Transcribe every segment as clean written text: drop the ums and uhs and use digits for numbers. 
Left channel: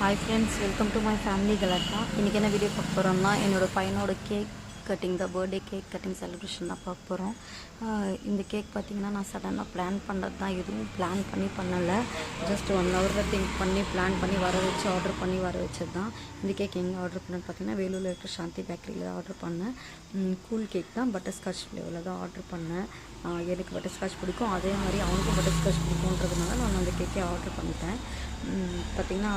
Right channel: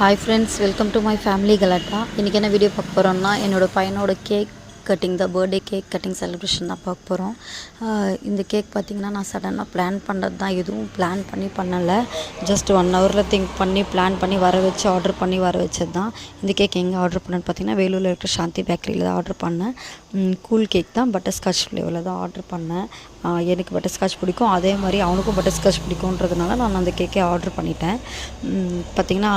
Hi friends, welcome to my family Galata. இன்றைக்கி என்ன video பார்க்க போகிறோம்னா என்னோடய பையனோட கேக் கட்டிங் தான், பர்த்டே கேக் கட்டிங் செலிப்ரேஷன் தான் பார்க்க போகிறோம். இந்த கேக் பார்த்திங்கன்னா நான் சடனாக பிளான் பண்ணுறது தான், எதுவும் பிளான் பண்ணலை. ஜஸ்ட் 1 ஹவரில் திங்க் பண்ணி பிளான் பண்ணி வர வச்சு ஆர்டர் பண்ணி வர வச்சது தான். இந்த கேக் எங்கே ஆர்டர் பண்ணேன்னு பார்த்திங்கன்னா வேலூரில் இருக்கிற சாந்தி பேக்கரியில் தான் ஆர்டர் பண்ணேன். கூல் கேக் தான், பட்டர்ஸ்காட்ச் ஃப்ளேவரில் தான் ஆர்டர் பண்ணேன். எனக்கு பட்டர்ஸ்காட்ச் பிடிக்கும், அதே மாதிரி அவனுக்கும் பட்டர்ஸ்காட்ச் பிடிக்குன்றதுனால நான் அந்த கேக்கே ஆர்டர் பண்ணிட்டேன். பார்த்திங்கன்னா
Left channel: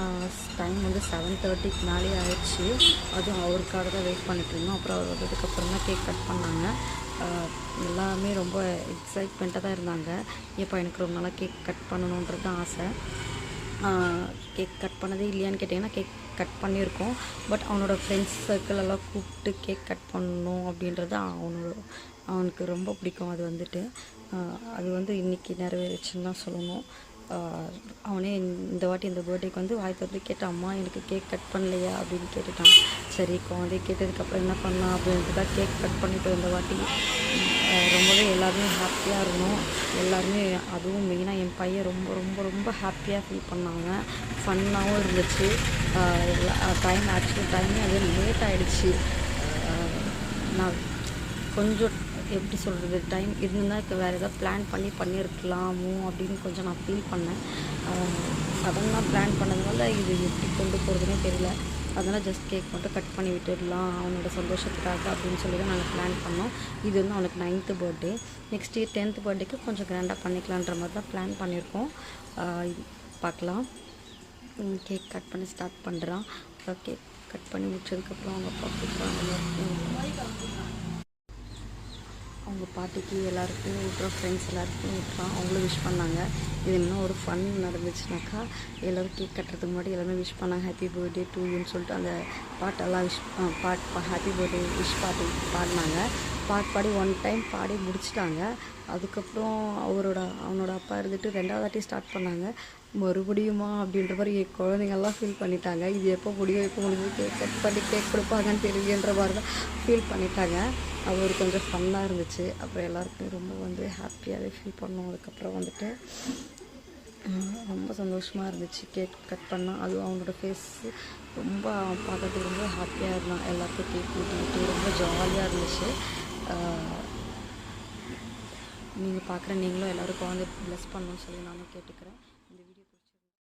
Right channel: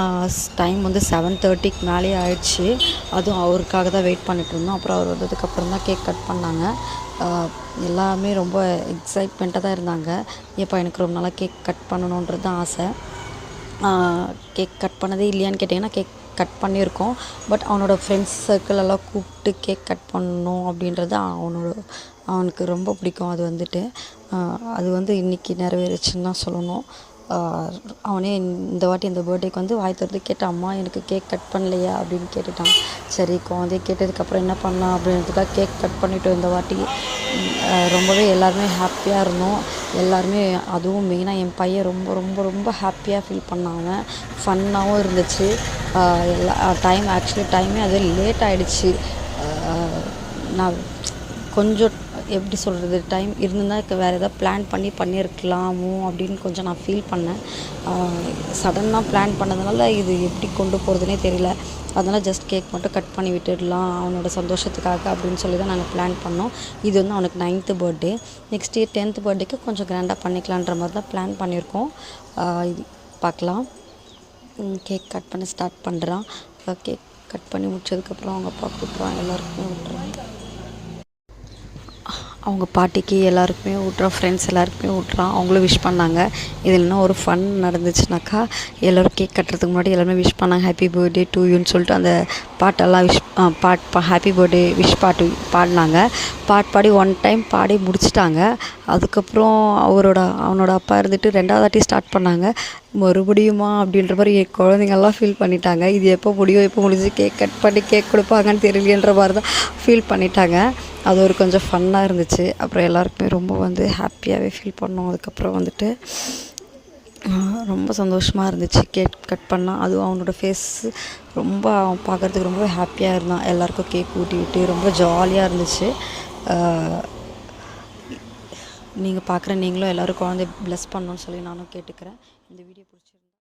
டைம் வந்து 7:30க்கு மேலே ஆயிடுச்சு. அதுவும் அவருக்காக தான் வெயிட் பண்ணிட்டு இருந்தோம். அப்புறம் அவர் வந்ததுக்கப்புறம் தான் கேக் கட் பண்ணாங்க. எல்லாமே ரொம்ப எக்ஸைட்மெண்ட்டாக தான் இருந்தாங்க. எப்போ எனக்கு ரொம்ப நாளாக கேக் கட் பண்ணணுன்றது தான் ஆசை. கேக் கட் பண்ணதே இல்லையான்னு கேட்டிங்கன்னா கேக் கட் பண்ணியிருக்கோம். பட் அவனோட ஃப்ரெண்ட்ஸ் சர்க்கிள் எல்லாம் கூப்பிட்டு கேக் கட் பண்ணணும் அப்படின்றது அவனுக்கு ரொம்ப பிடிக்கும். அது வந்து இன்றைக்கி நிறைவேறுச்சுன்னு தான் சொல்லணும். அவனே இந்த வாட்டி இந்த பர்த்டேக்கு வந்து வாய் திறந்து கேட்டான், அம்மா எனக்கு கேக் கட் பண்ணலையா அப்படின்னு கேட்டுட்டான். சரி குழந்தை கேட்டதுக்கப்புறம் என்ன பண்ணலாம் அப்படின்ட்டு தான் கேக் கட் பண்ணிட்டோம் இந்த வாட்டி. ரொம்பவே எல்லாருமே ஹாப்பியாக இருந்தோம். எல்லாருமே, அதுவும் மெயினாக என் பையன் ரொம்ப ரொம்ப ரொம்ப ஹாப்பியாக ஃபீல் பண்ணாங்க. ஃபன்னாகவும் இருந்துச்சு. டைமே அது லேட் ஆகிடுச்சு. நான் கொஞ்சம் எப்படி சொல்கிறது, டைம் இருந்திருந்தால் வேறு எதாவது பிளான் பண்ணியிருக்கலாமோ அப்படின்னு கொஞ்சம் நான் ஃபீல் பண்ணேன். சடனாக பிளான் பண்ணதுனால இது எப்படி கொண்டு போகிறதுனே தெரியல. அதனால் ஜஸ்ட் கேக் மட்டும் கட் பண்ணி விட்டுடலாம் அவனோட சந்தோஷத்துக்காக அப்படின்னு சொல்லி தான் நாங்கள் பிளான் பண்ணோம். இது வந்து அவனுக்கு 9th birthday. Next year 10th பர்த்டேக்கு கொஞ்சம் கிராண்டாக பண்ணிக்கலான்ற மாதிரி தான் பிளான் பண்ணியிருக்கோம். பார்க்கலாம். கேக் கட் பண்ண ஸ்டார்ட் பண்ணுறான். கேக் கட் பண்ணி முடிச்சதுக்கப்புறம் அவங்க அப்பா கூப்பிட்றான், எல்லாருக்குமே விட்டுறாங்க. அவங்க பாட்டிக்கு எல்லாருக்குமே விட்றான், ஃப்ரெண்ட்ஸ் எல்லாருக்குமே விட்றான். அவங்களும் விஷ் பண்ணாங்க. இதில் என்ன ஒரு ஃபன் நடந்துச்சுனாக்கா, எல்லோரும் கேக் கட்டுறதுக்கு முன்னாடி எல்லாருமே விஷ் பண்ணாங்க, ஹாப்பி பர்த்டே டு யூன்னு சொல்லிட்டு அந்த பாட்டெல்லாம் ஹாப்பி பர்த்டே விஷ் பாட்டு பாடினாங்க. பாடி 1 டைம் பாடி முடிச்சிட்டாங்க. அதுக்கப்புறம் அவனோட அப்பா இருந்துட்டு 2வது வாட்டி ஸ்டார்ட் பண்ணாங்க. மறுபடியுமா அப்படின்ற மாதிரி என் குழந்தைங்கள்லாம் ஃபீல் பண்ணிட்டாங்க. இது எப்போ முடிஞ்சு கேக் கட் பண்ணி கேக் கொடுப்பாங்கன்னு தெரியலன்ற மாதிரி தான் ஃபீல் பண்ணிட்டாங்க. அது ஒரு கொஞ்சம் ஃபன்னாக இருந்துச்சு. அப்புறம் எல்லாருக்குமே ரொம்ப வந்து ஹாப்பியாகவே ஃபீல் பண்ணோம். அதுக்கப்புறம் வந்துட்டு ரொம்ப சந்தோஷமாக இருந்துச்சு கேக் கட் பண்ணால். அதுவும் அவனோட ஃபேஸு ரொம்ப அவன் பார்க்குறதுக்கு ரொம்ப ஹாப்பியாக இருந்தான். எல்லாருக்கும் கேக் ஊட்டி விட்டு ரொம்ப ஜாலியாக இருந்துச்சு. நீங்களும் எல்லோரும் குழந்தைய ப்ளஸ் பண்ணணும்னு சொல்லி நானும் கேட்டுக்கிறேன். இந்த வீடியோ